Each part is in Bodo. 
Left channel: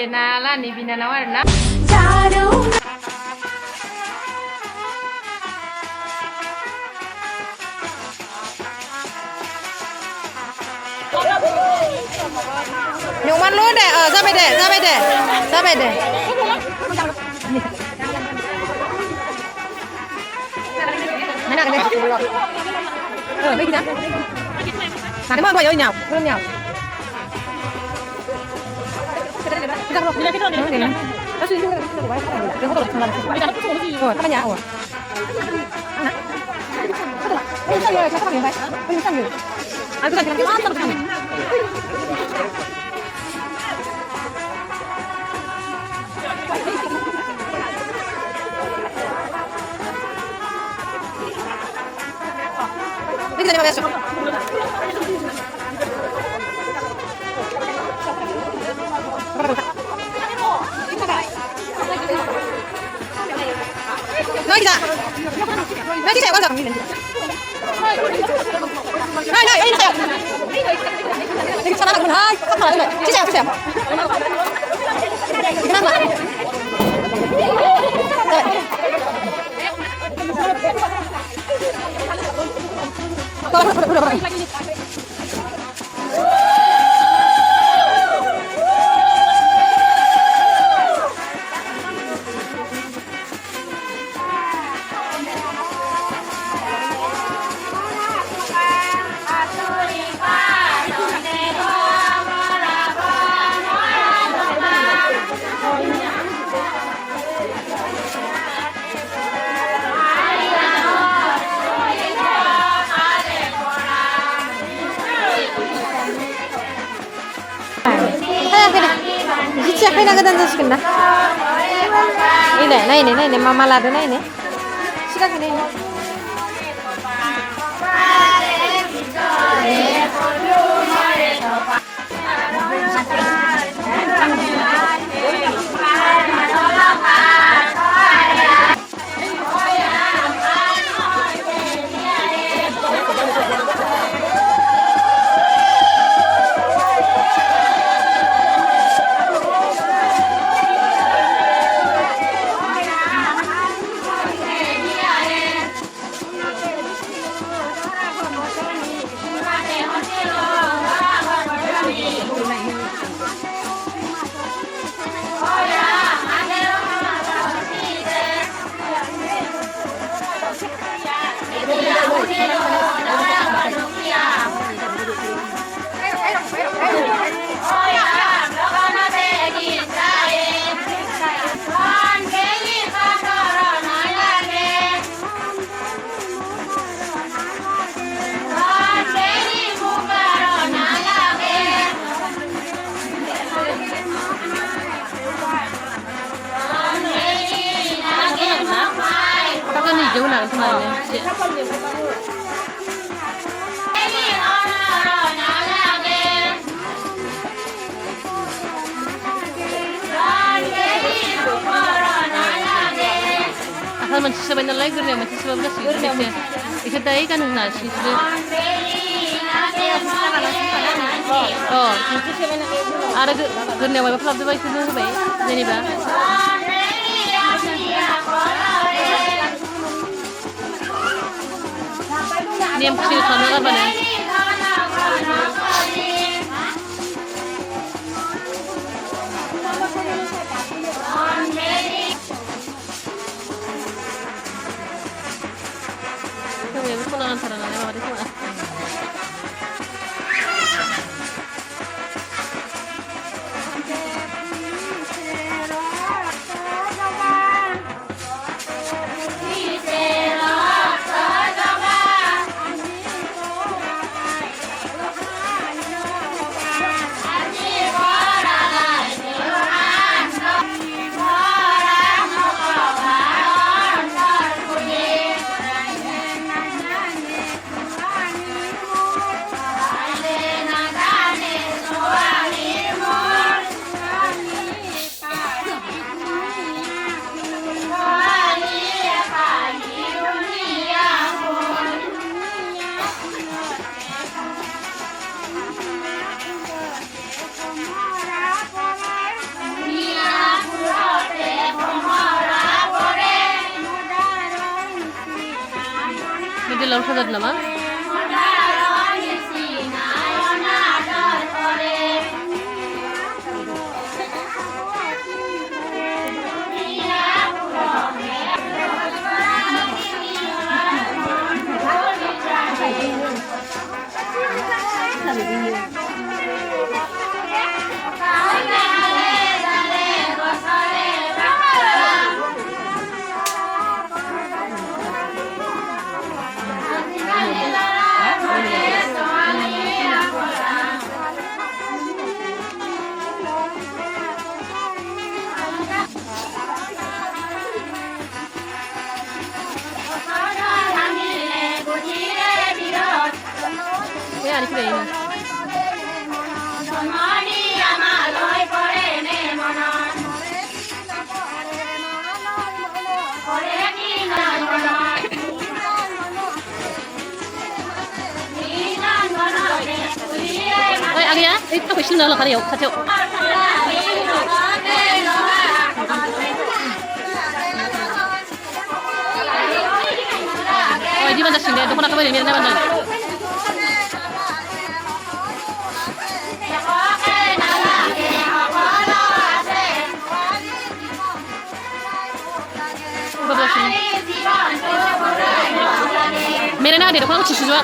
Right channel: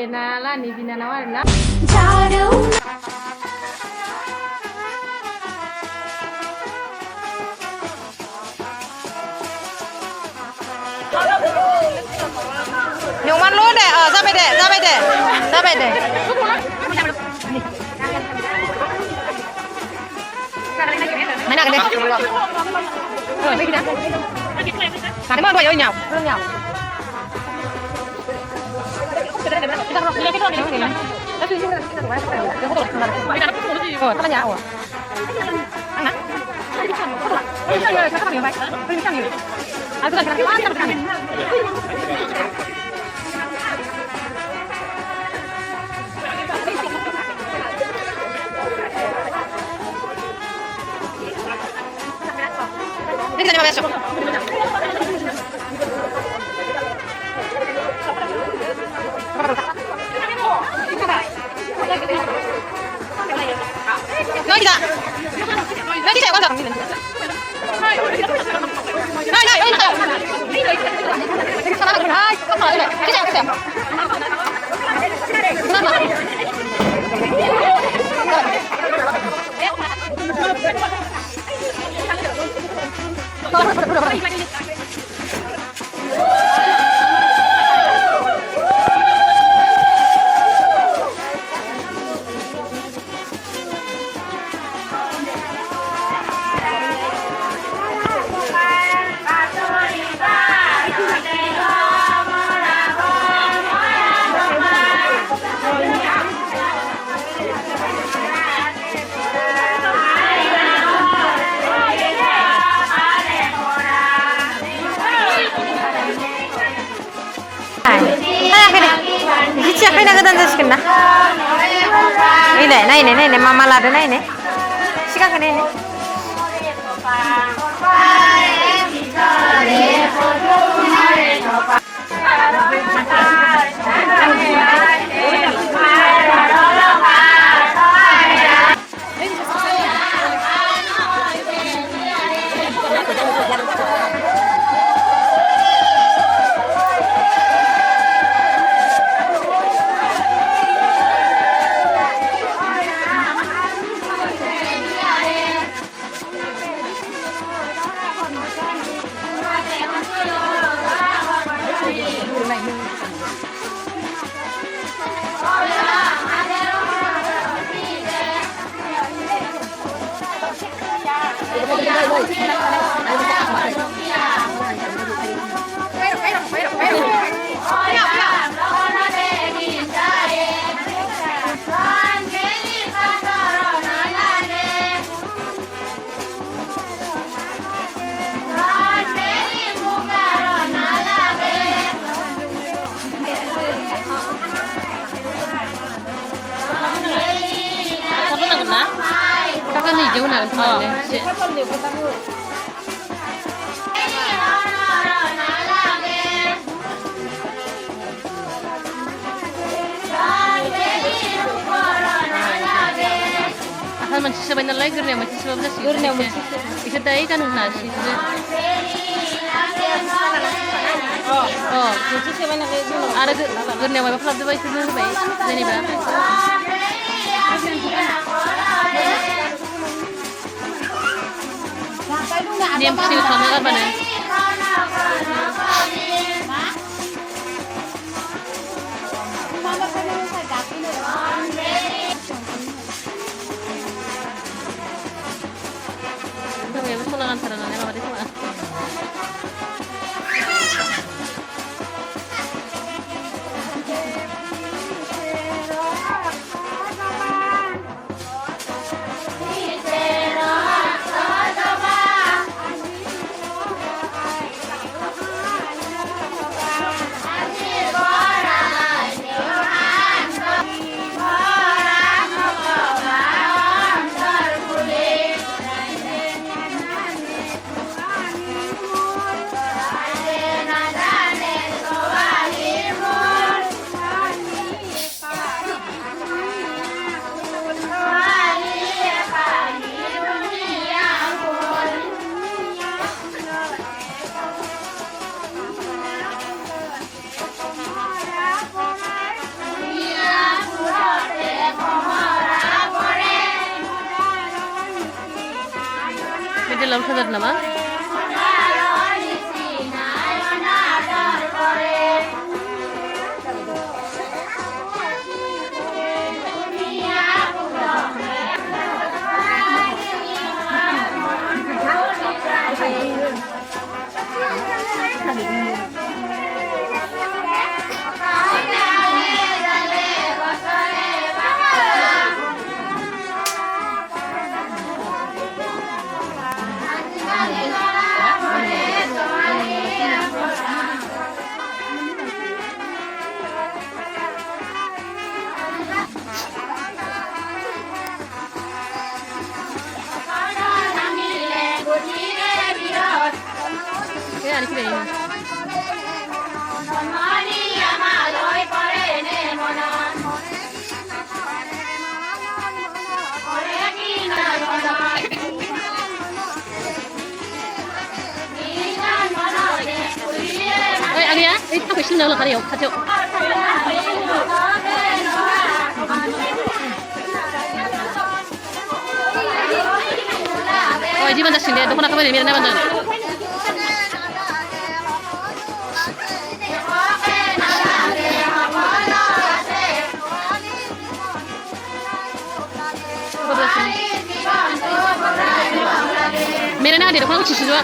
गेलेनाला nih बिनानाव आरोना Nyoman lu deh, sampai deh, sampai deh, sampai deh. Mana kan deh? Oh, ini kita. Kamu mau bawa nyau, belum nyau. Oh, apa nyau? Anak. Ini sang siapa yang baik? Ini sang yuk. Aku kan kira-kira. Ini kita masuk. Lagi tak? Lagi tak? Mana? Nah, ini tak. Lagi sana lagi. Hai, apa lagi? Cicak, cicak. Kenapa? Siapa yang nggak tanda sekian dah? Ini, mama lada ini. Siapa ini? Kakak nih jauh nak kemana? Asal masih sebentar lagi gernya masih 12 gernya masih. Bisa tadi kan nasi. Oh, ada gernya berapa lama baik itu baik. Jadi dah. Ini yang pusing sama apa nih? Kita mau pulang antara nanya apa itu? लावखार जादों नामा? Cái này cái gì? Ê, ăn đi á, các phải xin nữa là khá nhiều, khá nhiều. 이 반장 신데 너무나 가버리 미안해 반장. मेरे ना दे रखा कुछ चीज़ हुआ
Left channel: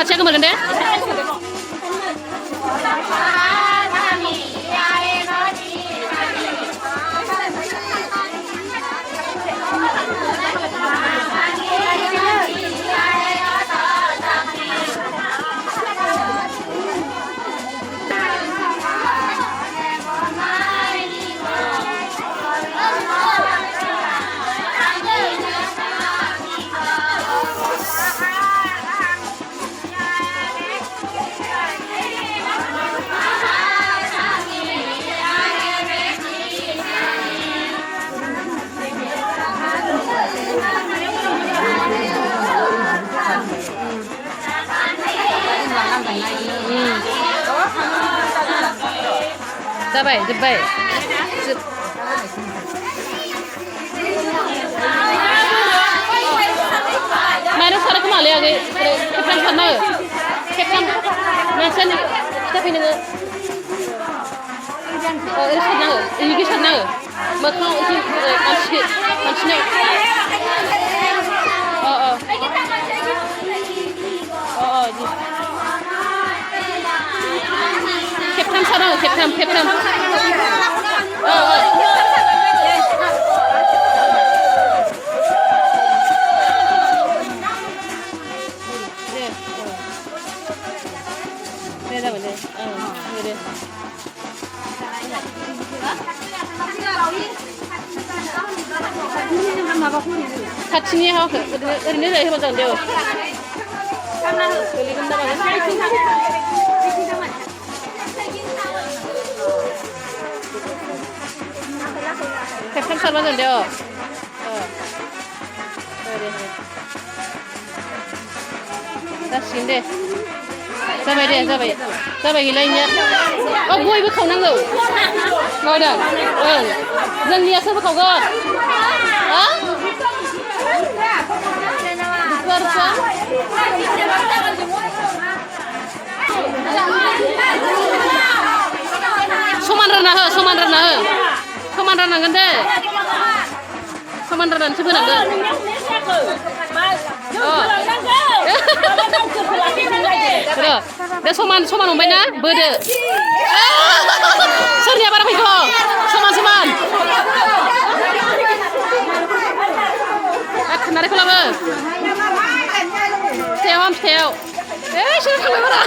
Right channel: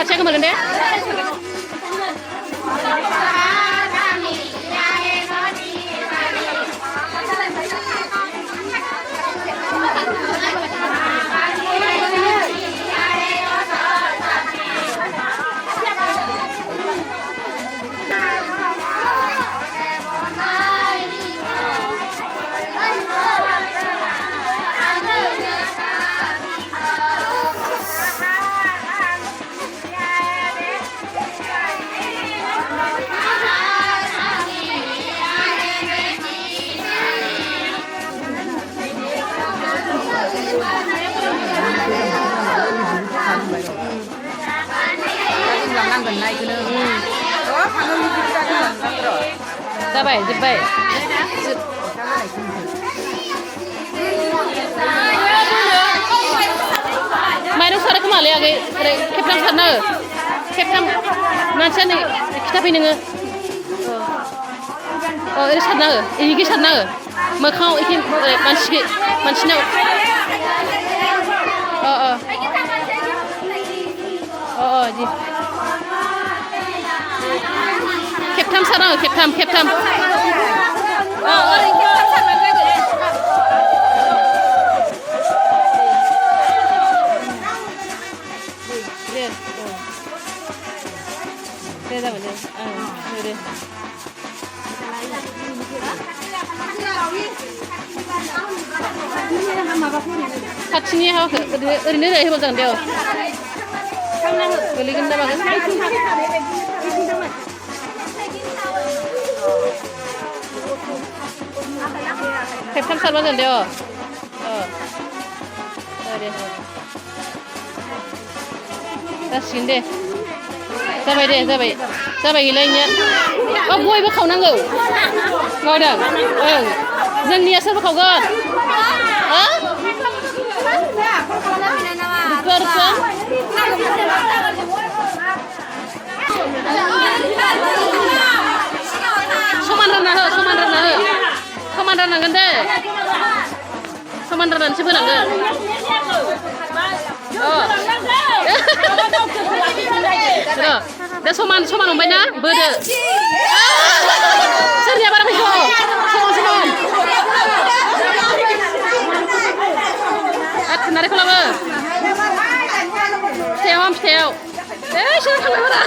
अच्छा कमर गंडे Dabai, dabai. Main sarap kemana lagi? Ketan khannai. Ketan nanti ni kita pilih ni. Ini khannai. Ini khannai. Macam ini manci. Ji. Ketan sana, ketan. Đây vấn đề. Đây. 같이 하고 어린애들 해본 장데요. 걸리긴다 말이야. 백삼 살았는데요. 다시인데. जाबाय गैलायनिया बयबो खावनांगौ मावदों जोंनिया सोरबो खावगोन समान राननांगोन दे समान राननानैसो फोनांगोन दा समान हमबाय ना बोदो सोरनिया बारा फैखो समान खान्नायखौ लाबो फिथायाव सोर थांबाय बारा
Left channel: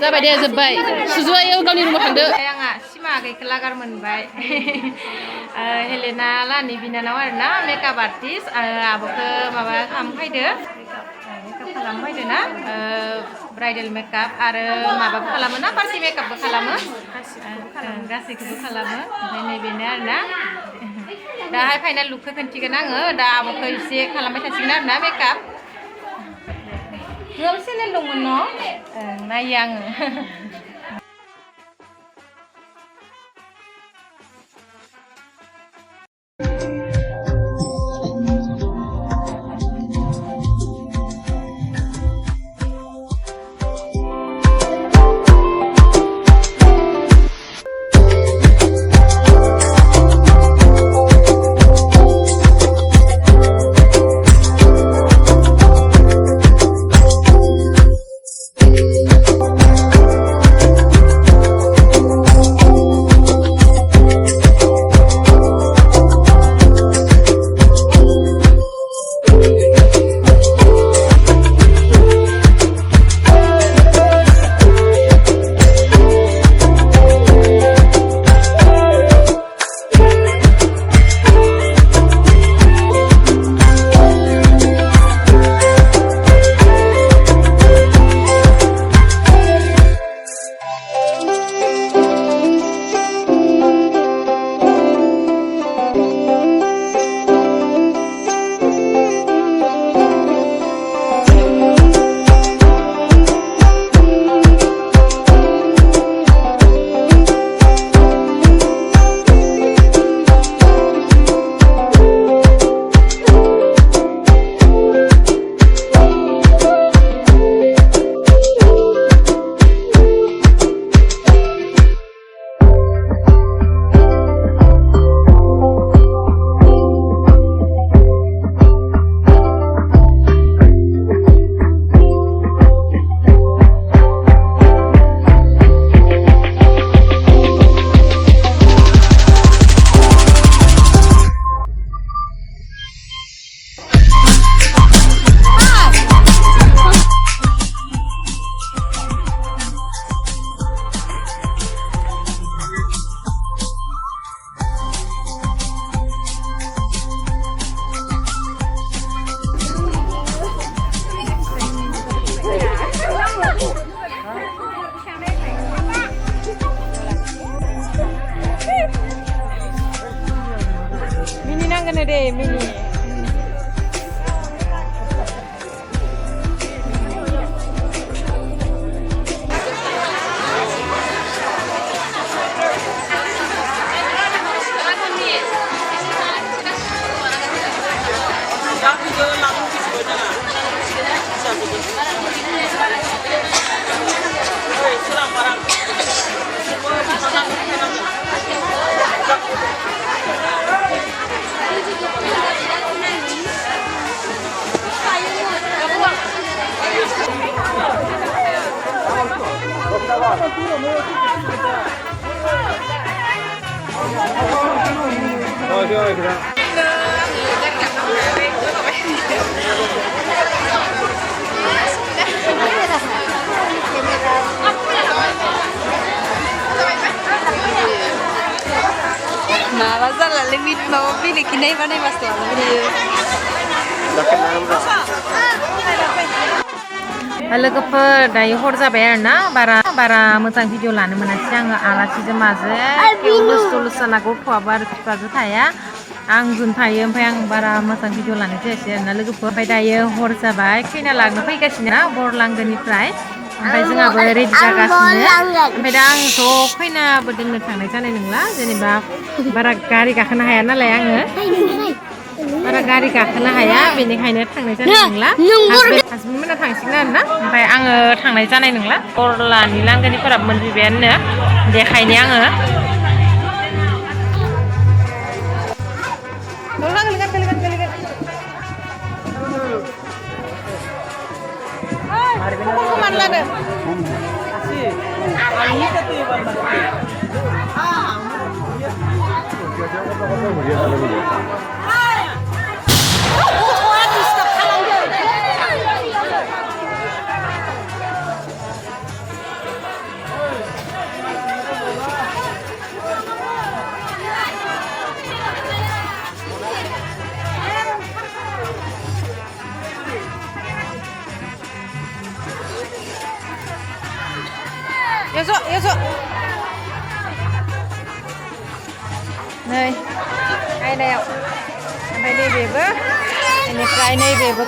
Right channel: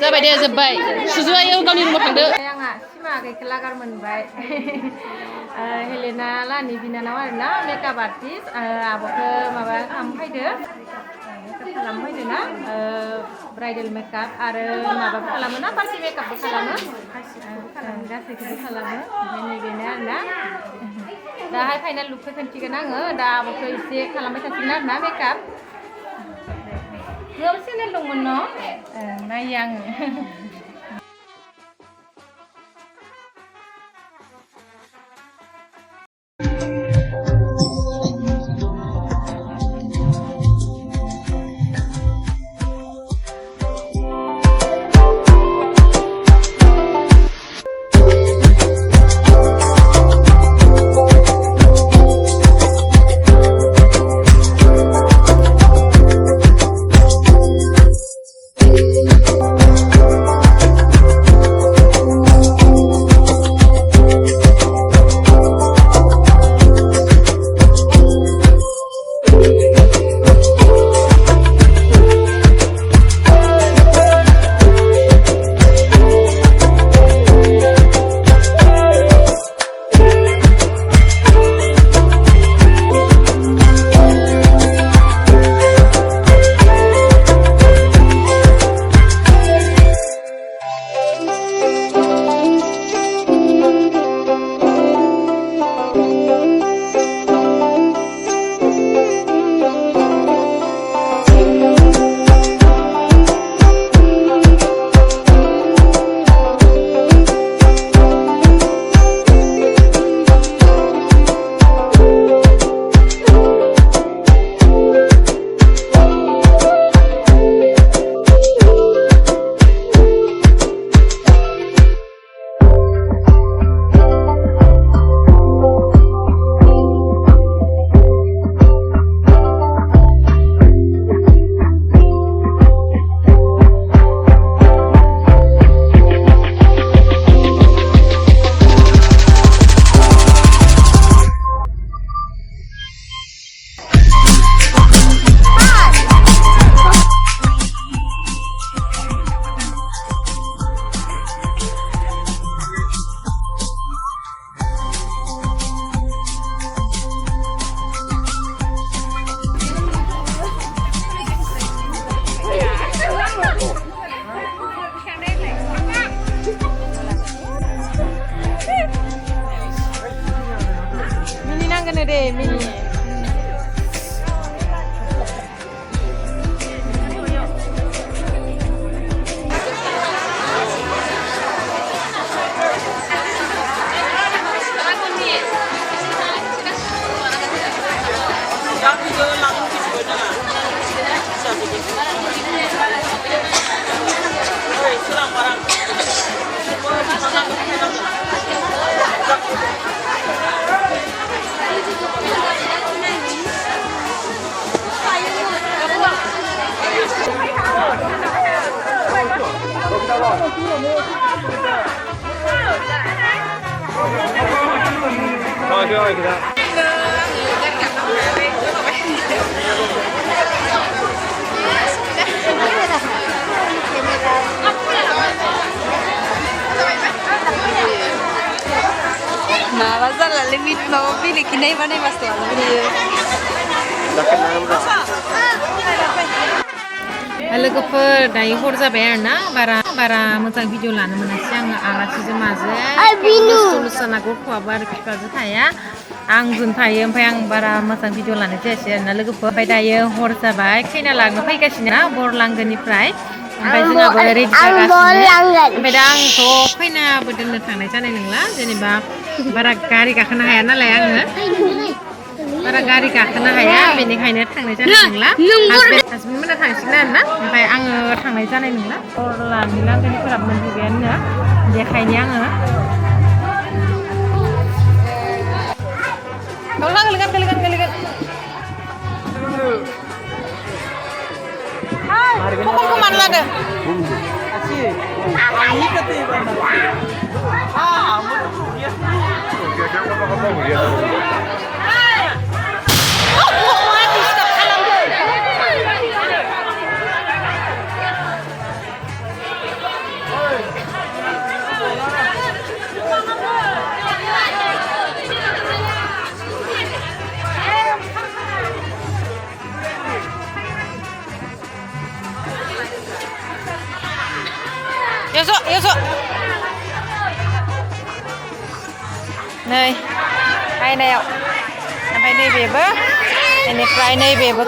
जाबाय दे जोब्बाय सुजुआ गावनि रुमाव थांदो आंहा सिमा आगैखौ लागार मोनबाय हेलेना लानि बिनानाव आरोना मेकआप आर्टिस्ट आब'खौ माबा खालामफैदो मेकआप खालामफैदो ना ब्राइडेल मेकआप आरो माबाबो खालामो ना पार्टि मेकआपबो खालामो गासैखौबो खालामो ओमफ्राय नैबेनो आरोना दाहाय फाइनाल लुकखौ खोन्थिगोन आङो दा आब'खौ एसे खालामबाय थासिगोन आरोना मेकआप नोंहाबो चेनेल दंमोन न' नायो आङो gonna do mini. Nah, masa lah limit mau pilih kini mana mas tuh? लोगोफोर दायो हर जाबाय आरोना बारा मोजां भिडिअ लानो मोनासै आङो आलासिजों माजों लुस्थु लुस्थाना गथ'आबो आरो बिफाजों थाया आंजों थायो ओमफ्राय आं बारा मोजां भिडिअ लानाय जायासै आरोना लोगोफोर ओमफ्य दायो हर जाबाय खैना लांनो फैगासिनो ना बरलांगोनिफ्राय ओमफ्य जोंहाबो रेडि जागासिनो ओमफ्य दा आंथ' खैनाबो दोननो थांनाय जानाय नंला जेनेबा बारा गारि गाखोनो हाया नालाय आङो बारा गारि गाखोनो हाया बेनिखायनो थांनाय जानाय नंला हासबेन्ड मोना थांसिगोन आरोना ओमफ्राय आङो थांनाय जानाय नंला बरलानि लांगोनिफोराबो मोनफैबायानो देखायनो आङो गोलैगोन खमलखौ मानो लादो Yuk नै आयनायाव ओमफ्राय नैबेबो बेनिफ्राय नैबेबो